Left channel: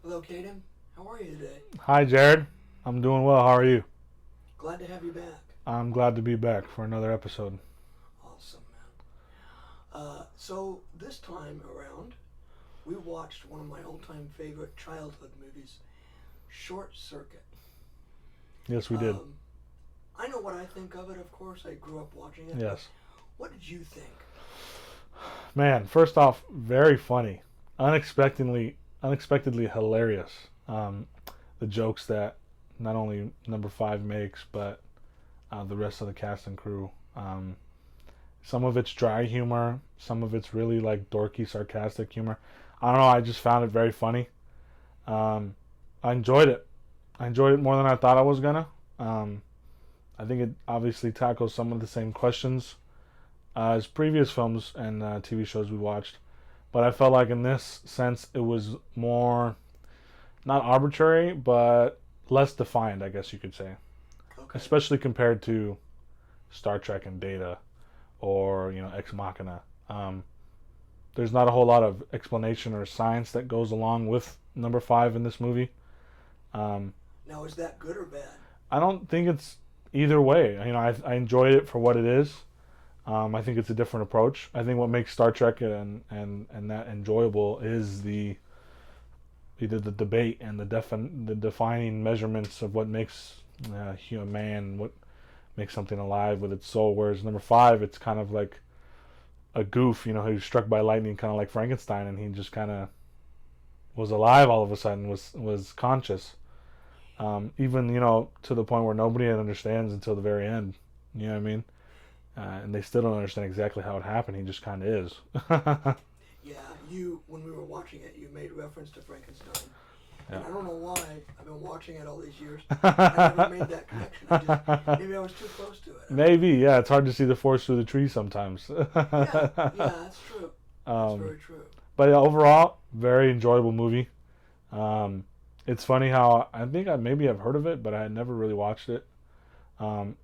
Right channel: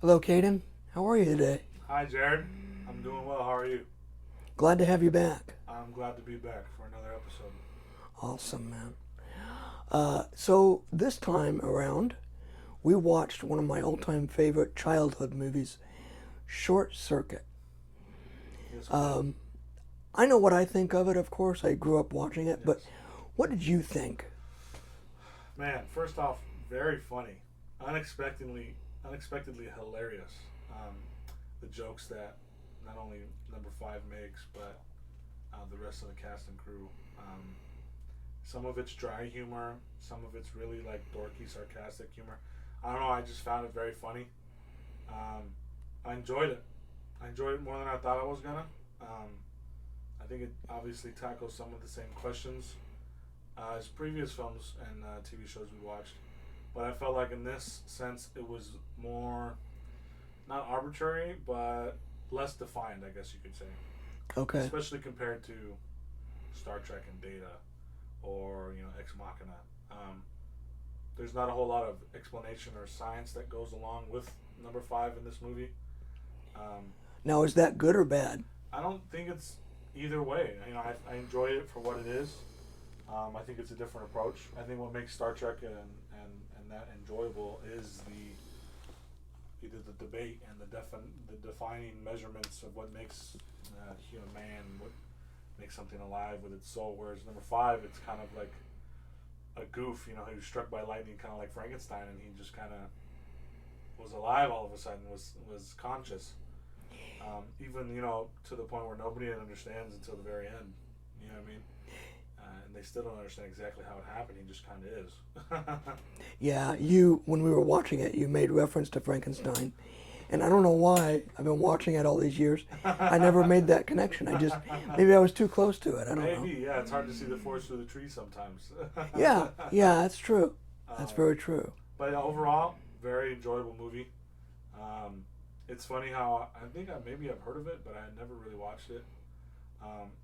Hello, Cayden. How are you today? Hi, Jared. I'm doing well. How are you? Glad to have you back. I'm glad to be back for another episode. Awesome, man. So this time around, we watched one of my all-time favorite childhood movies, Short Circuit. Yes, we did. I know what I think of it, of course. I grew up watching it, but Yes. what did you think? Man, first off, very funny. Unexpectedly hilarious. The jokes that not only number five makes, but the rest of the cast and crew. Some of it's dry humor. Some of it's really like dorky, sarcastic humor. I don't know. I just found it very funny. Um, I enjoyed it. I enjoyed it more than I thought I was gonna. Um, I think it obviously tackles some of the same questions as previous films and TV shows we watched, but I felt like in this sense it was more not arbitrary, but less defined, I guess you could say, Okay. especially compared to Star Trek and Data or Ex Machina. There's not a whole lot of explanation or science that goes along with number five in this movie. Um, Now, is that good or bad? I don't think it's either way. I enjoyed it for what it is. I think it's a different approach. I think what makes Star Trek and that enjoyable is the either the debate and the defining measurements of what makes human man, what makes something alive with its soul. Whereas number five, it's kind of like a goof. Who's struck by lightning, kind of like Frankenstein, and he just kind of was alive all of a sudden, was conscious. Even to the point where nobody understands until the very end. You know what I mean? And they still don't understand exactly how it happened. He just kind of is. Yeah, when we were watching it, you made reference to Frankenstein. And Yeah. I don't know why I've been watching it all these years. I never made that connection. Maybe I was too close to it. I don't Maybe, know. yeah. It's hard to see the forest through the trees sometimes. Yeah, yeah, that's true. That's um, very true. but yeah, overall, very enjoyable movie. Um, it's funny how I think maybe I've heard of it, but I had never really watched it.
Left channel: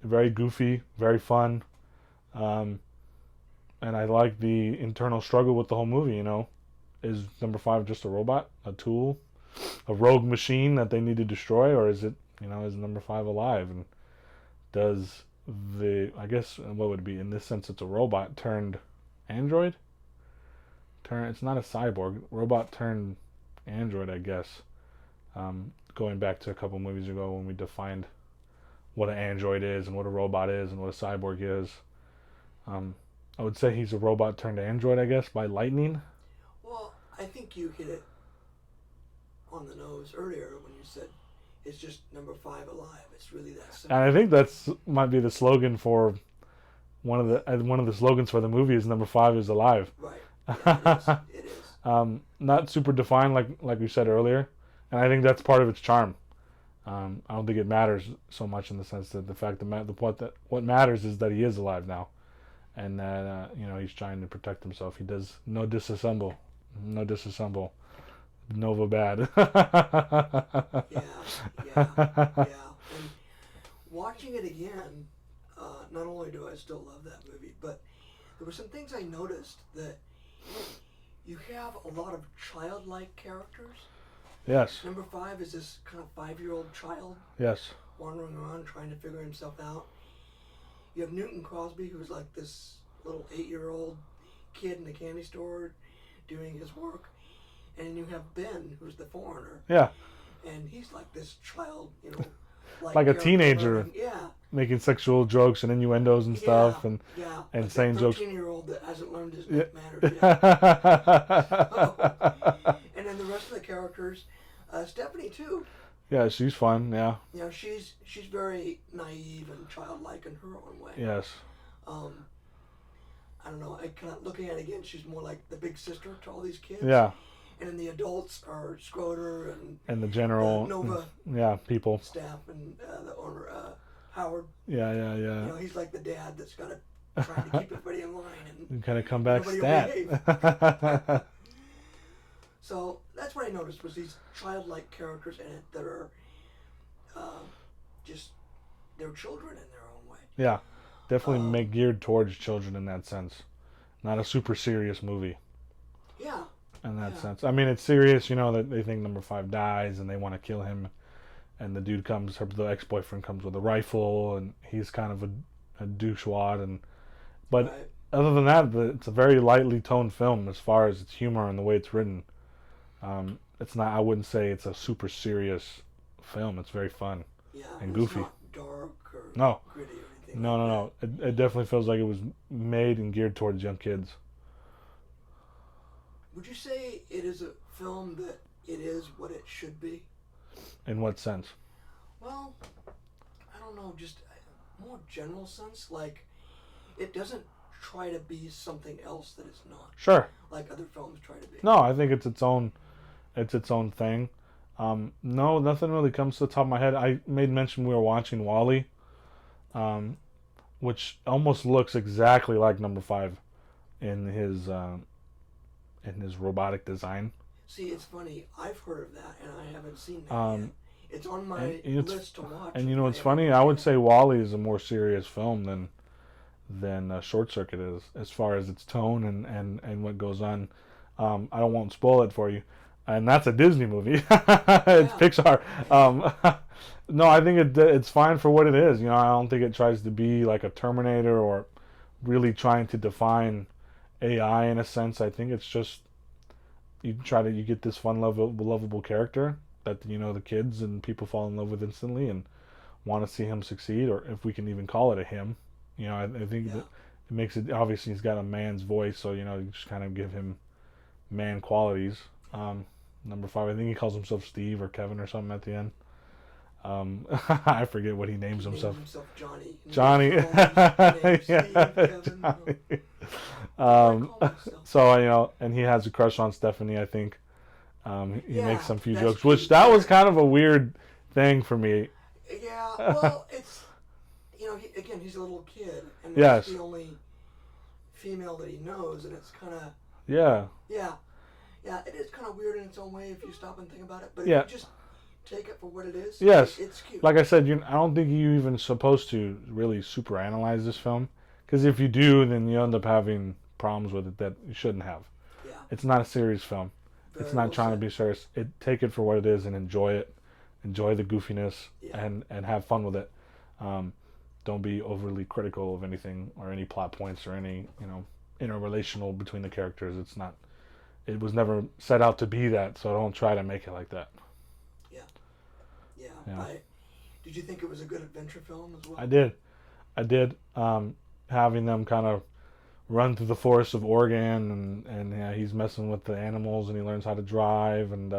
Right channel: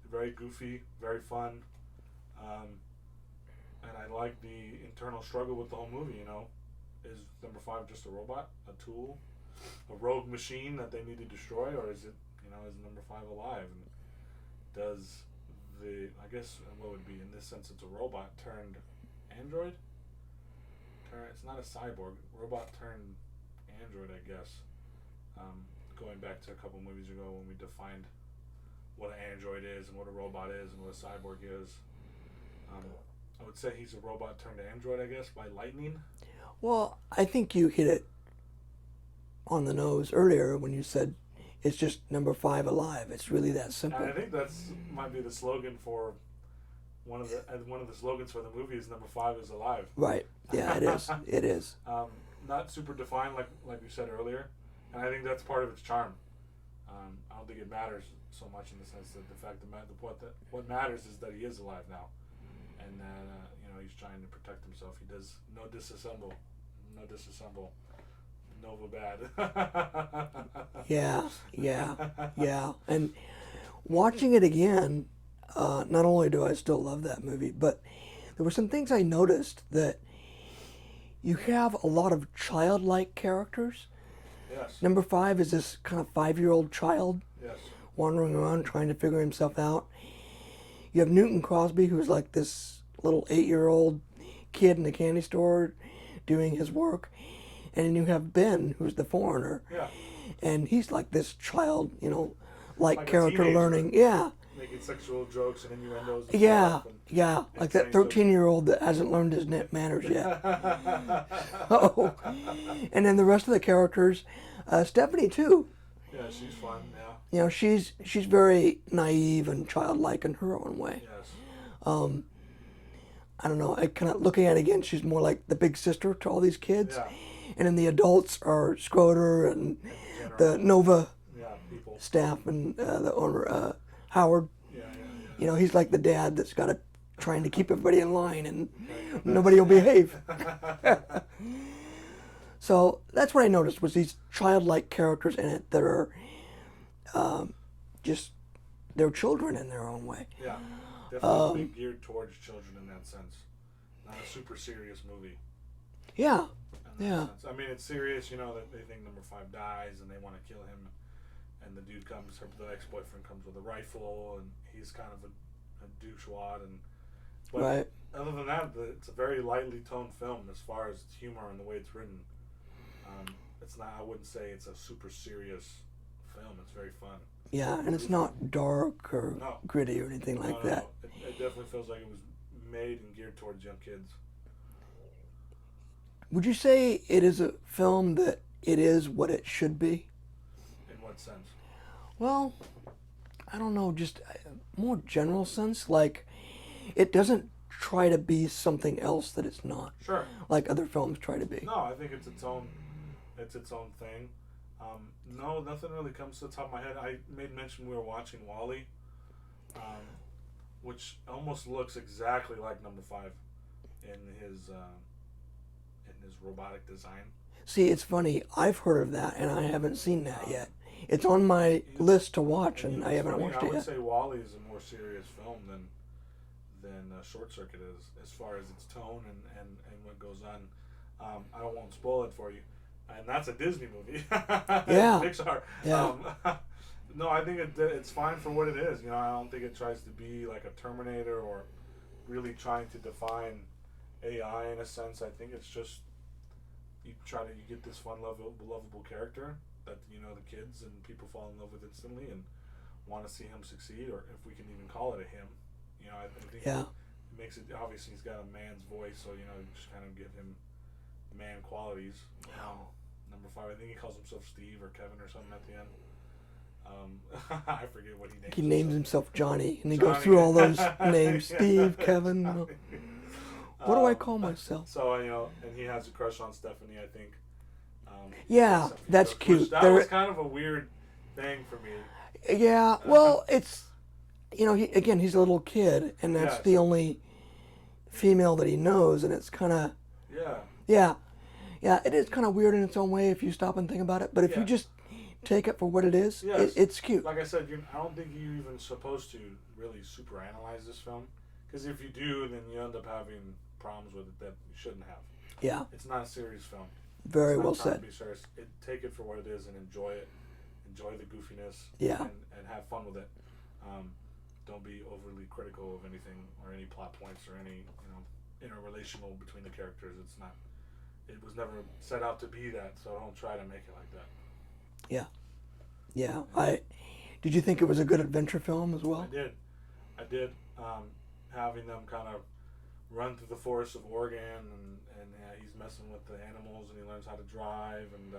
Very goofy, very fun. Um, and I like the internal struggle with the whole movie. Is number five just a robot, a tool, a rogue machine that they need to destroy, or is it, is number five alive? And does I guess, what would it be in this sense? It's a robot turned android. It's not a cyborg, robot turned android, I guess. Going back to a couple movies ago when we defined what an android is and what a robot is and what a cyborg is. Um, I would say he's a robot turned android, I guess, by lightning. Well, I think you hit it on the nose earlier when you said it's just number five alive. It's really that And I simple. think that's might be the slogan for one of the slogans for the movie is number five is alive. Right. Yeah, it is. It is. Not super defined like we said earlier, and I think that's part of its charm. I don't think it matters so much in the sense that the fact that what matters is that he is alive now, and that he's trying to protect himself. He does no disassemble, Nova bad. Yeah, yeah, yeah. And watching it again, not only do I still love that movie, but there were some things I noticed that you have a lot of childlike characters. Yes, Number five is this kind of 5-year-old child yes, wandering around trying to figure himself out. You have Newton Crosby, who's like this little 8-year-old kid in the candy store doing his work. And then you have Ben, who's the foreigner. yeah, And he's like this child, like like a character teenager learning. Yeah, making sexual jokes and innuendos and yeah, stuff, and yeah. and Like that saying jokes. 13-year-old that hasn't learned his Yeah. manners yet. Oh. And then the rest of the characters, Stephanie too. Yeah, she's fun. Yeah, She's very naive and childlike in her own way. yes, I don't know. I kind of looking at it again. She's more like the big sister to all these kids. yeah, And then the adults are Schroeder and and the the general, Nova yeah, people. staff and the owner Howard. Yeah, yeah, yeah. He's like the dad that's got to trying to keep everybody in line and And kind of come back. nobody will behave. behave. So that's what I noticed was these childlike characters in it that are just they're children in their own way. Yeah, definitely geared towards children in that sense. Not a super serious movie. Yeah, in that Yeah. sense. I mean, it's serious, you know, that they think number 5 dies and they want to kill him, and the dude comes, the ex-boyfriend comes with a rifle, and he's kind of a douchewad, and but Right. other than that, it's a very lightly toned film as far as its humor and the way it's written. It's not. I wouldn't say it's a super serious film. It's very fun. Yeah, And and it's goofy. not dark or No. gritty or anything No, like no, that. no. It definitely feels like it was made and geared towards young kids. Would you say it is a film that it is what it should be? In what sense? Well, I don't know, just a more general sense. Like, it doesn't try to be something else that it's not, Sure. like other films try to be. No, I think it's its own. It's its own thing. No, nothing really comes to the top of my head. I made mention we were watching Wall-E, which almost looks exactly like number 5 in his robotic design. See, it's funny. I've heard of that, and I haven't seen that yet. Um, It's on my it's- list to watch. And you know, I it's haven't funny. watched I it would yet. say Wall-E is a more serious film than Short Circuit is, as far as its tone and what goes on. I won't spoil it for you, and that's a Disney movie. Yeah. It's Pixar. Yeah. No, I think it's fine for what it is. You know, I don't think it tries to be like a Terminator or really trying to define AI in a sense. I think it's just you get this fun, lovable character that, you know, the kids and people fall in love with instantly and want to see him succeed, or if we can even call it a him. You know, I think Yeah. it makes it, obviously he's got a man's voice, so, you know, you just kind of give him man qualities. Number 5, I think he calls himself Steve or Kevin or something at the end. I forget what he names He names himself. himself Johnny, and he Johnny. goes through all those names: Yeah. Steve, Kevin. What do I call myself? So, you know, and he has a crush on Stephanie, I think. He Yeah, makes some few that's jokes, which cute. that was kind of a weird thing for me. Yeah, well, it's, you know, he's a little kid, and that's Yes. the only female that he knows, and it's kind of, Yeah, yeah, it is kind of weird in its own way if you stop and think about it. But if Yeah. you just take it for what it is, Yes. it's cute. like I said, I don't think you're even supposed to really super analyze this film, because if you do, then you end up having problems with it that you shouldn't have. Yeah, It's not a serious film. very It's not well trying said. to be serious. Take it for what it is and enjoy it. Enjoy the goofiness. Yeah. And have fun with it. Don't be overly critical of anything or any plot points or any, you know, interrelational between the characters. It's not. It was never set out to be that, so don't try to make it like that. Yeah. Yeah. Did you think it was a good adventure film as well? I did. Having them kind of run through the forests of Oregon, and yeah, he's messing with the animals, and he learns how to drive, and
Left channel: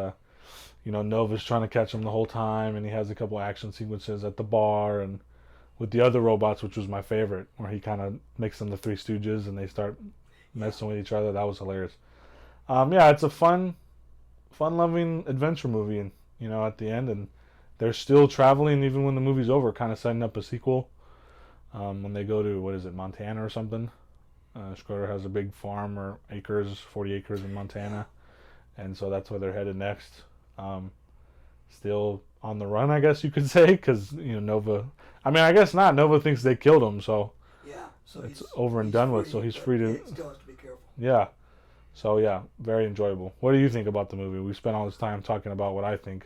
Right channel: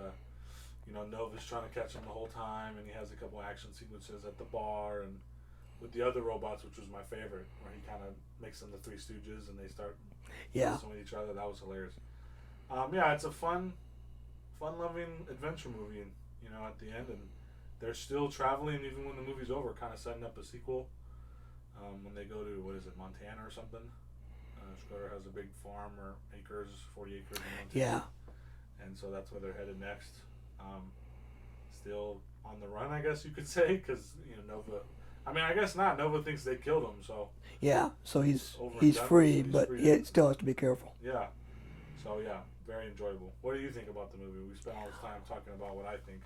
you know, Nova's trying to catch him the whole time, and he has a couple action sequences at the bar and with the other robots, which was my favorite, where he kind of makes them the Three Stooges and they start messing with each other. That was hilarious. Yeah, it's a fun-loving adventure movie, and you know, at the end, and they're still traveling even when the movie's over, kind of setting up a sequel. When they go to, what is it, Montana or something? Schroeder has a big farm or 40 acres in Montana, and so that's where they're headed next. Still on the run, I guess you could say, because, you know, Nova. I mean, I guess not. Nova thinks they killed him, so Yeah, so he's over and he's done free, with. So he's but free to. he still has to be careful. Yeah. So yeah, very enjoyable. What do you think about the movie? We spent all this time talking about what I think.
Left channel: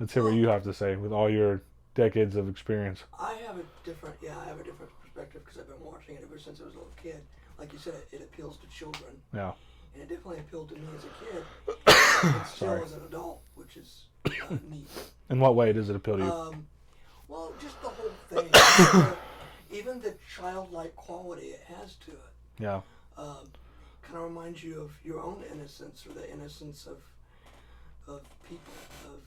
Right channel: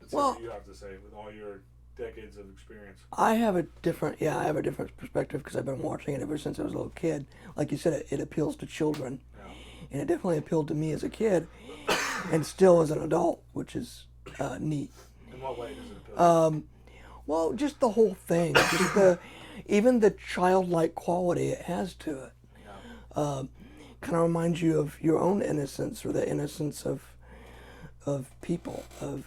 Let's hear what Well- you have to say with all your decades of experience. I have a different perspective because I've been watching it ever since I was a little kid. Like you said, it appeals to children, Yeah. and it definitely appealed to me as a kid, and still as an adult, which is neat. In what way does it appeal to you? Well, just the whole thing, even the childlike quality it has to it, Yeah. kind of reminds you of your own innocence or the innocence of people, of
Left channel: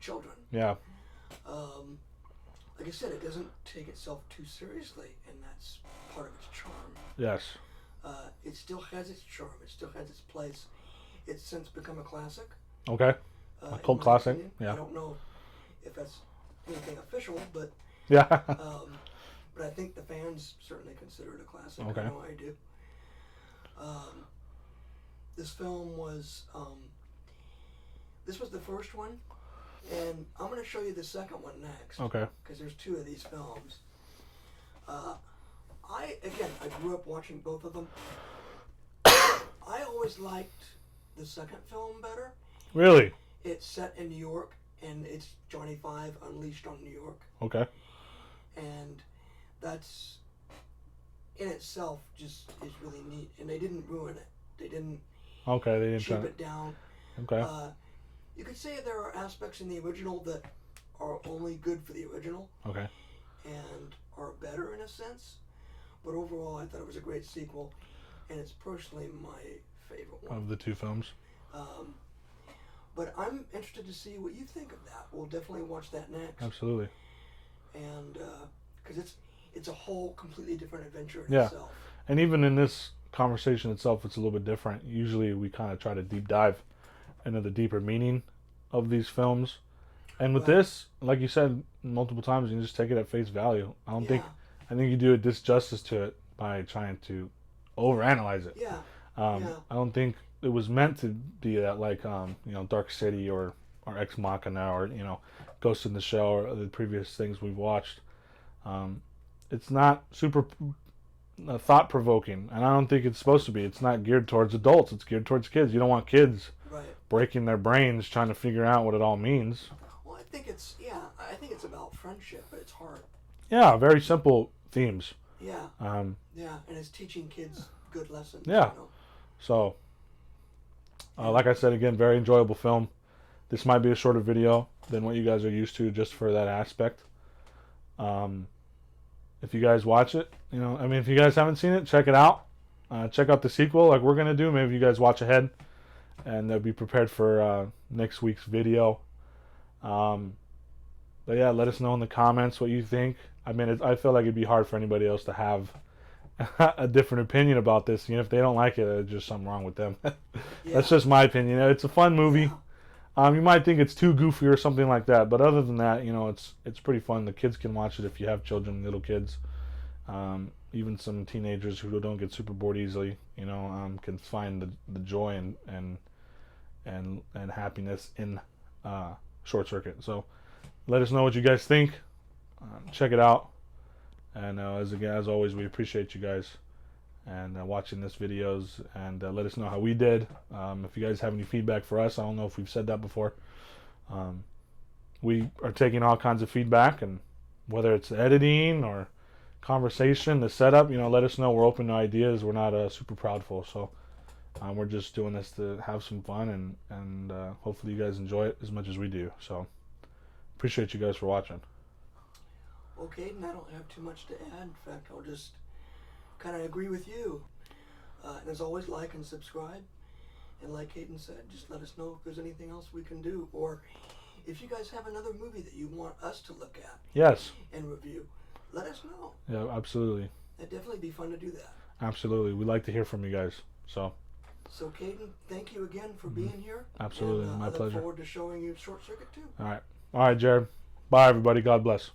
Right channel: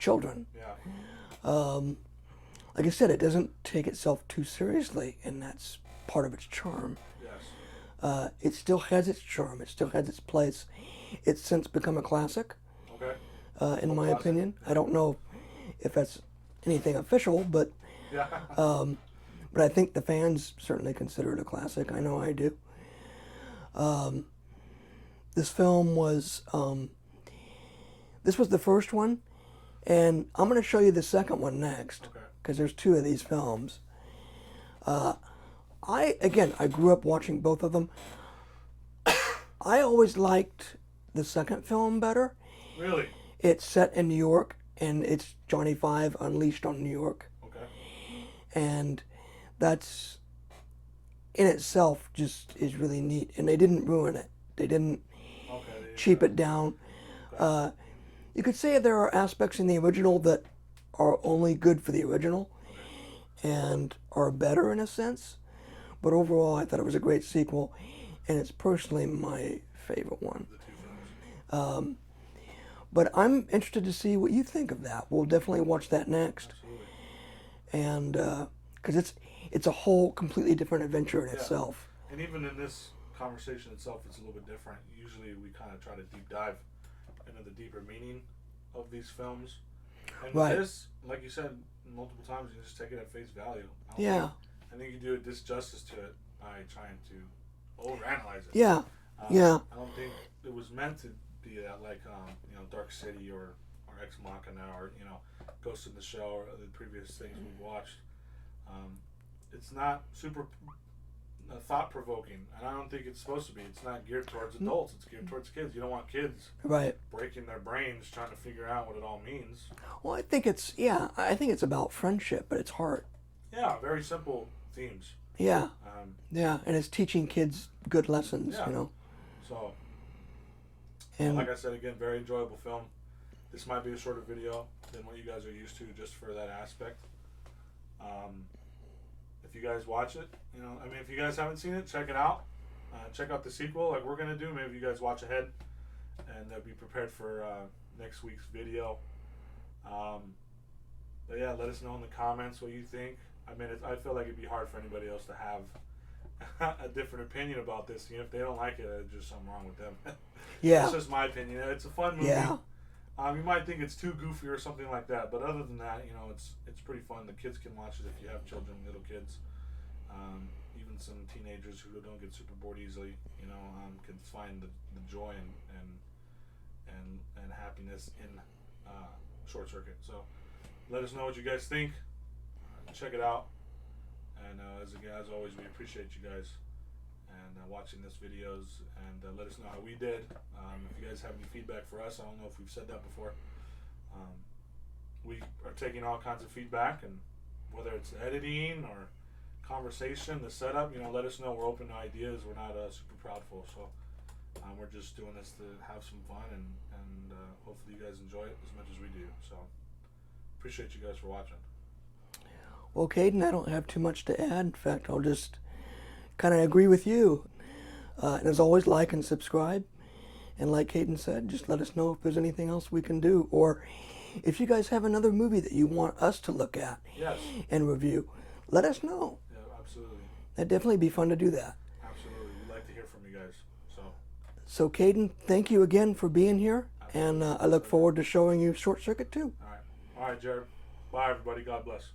children. Yeah. Like I said, it doesn't take itself too seriously, and that's part of its charm. Yes. It still has its charm. It still has its place. It's since become a classic, Okay. in cult my classic? opinion. Yeah. I don't know if that's anything official, but Yeah. I think the fans certainly consider it a classic. I Okay. know I do. This film was this was the first one, and I'm going to show you the second one next. Okay. Because there's two of these films. I grew up watching both of them. I always liked the second film better. Really? It's set in New York, and it's Johnny Five unleashed on New York. Okay. And that's in itself just is really neat. And they didn't ruin it. They didn't Okay. They didn't cheap it down. Okay. You could say there are aspects in the original that are only good for the original Okay. and are better in a sense. But overall, I thought it was a great sequel, and it's personally my favorite one. Of the two films. But I'm interested to see what you think of that. We'll definitely watch that next. Absolutely. And because it's a whole completely different adventure in itself. And even in this conversation itself, it's a little bit different. Usually we kind of try to deep dive into the deeper meaning of these films. And with this, like you said multiple times, you can just take it at face value. I think you do a disjustice to it by trying to overanalyze it. Yeah. I don't think it was meant to be that like Dark City or Ex Machina or Ghost in the Shell or the previous things we've watched. It's not super thought provoking, and I don't think it's supposed to be. It's not geared towards adults. It's geared towards kids. You don't want kids breaking their brains trying to figure out what it all means. Well, I think it's about friendship at its heart. Yeah, very simple themes. Yeah. And it's teaching kids good lessons. Yeah. So, like I said again, very enjoyable film. This might be a shorter video than what you guys are used to, just for that aspect. If you guys watch it, if you guys haven't seen it, check it out. Check out the sequel, like we're gonna do. Maybe you guys watch ahead, and be prepared for next week's video. But yeah, let us know in the comments what you think. I I feel like it'd be hard for anybody else to have a different opinion about this. If they don't like it, there's just something wrong with them. That's just my opinion. It's a fun movie. You might think it's too goofy or something like that, but other than that, it's pretty fun. The kids can watch it if you have children, little kids. Even some teenagers who don't get super bored easily, can find the joy and happiness in Short Circuit. So let us know what you guys think. Check it out. And as always, we appreciate you guys and watching this videos, and let us know how we did. If you guys have any feedback for us, I don't know if we've said that before. We are taking all kinds of feedback, and whether it's editing or conversation, the setup, let us know. We're open to ideas. We're not super proudful, so we're just doing this to have some fun, and hopefully you guys enjoy it as much as we do. So appreciate you guys for watching. Well, Cayden, I don't have too much to add. In fact, I'll just kind of agree with you. And as always, like and subscribe. And like Cayden said, just let us know if there's anything else we can do, or if you guys have another movie that you want us to look at and review, let us know. Yeah, absolutely. That'd definitely be fun to do that. Absolutely. We'd like to hear from you guys. So Cayden, thank you again for being here. Absolutely. And I look forward to showing you Short Circuit too. All right, Jared. Bye, everybody. God bless.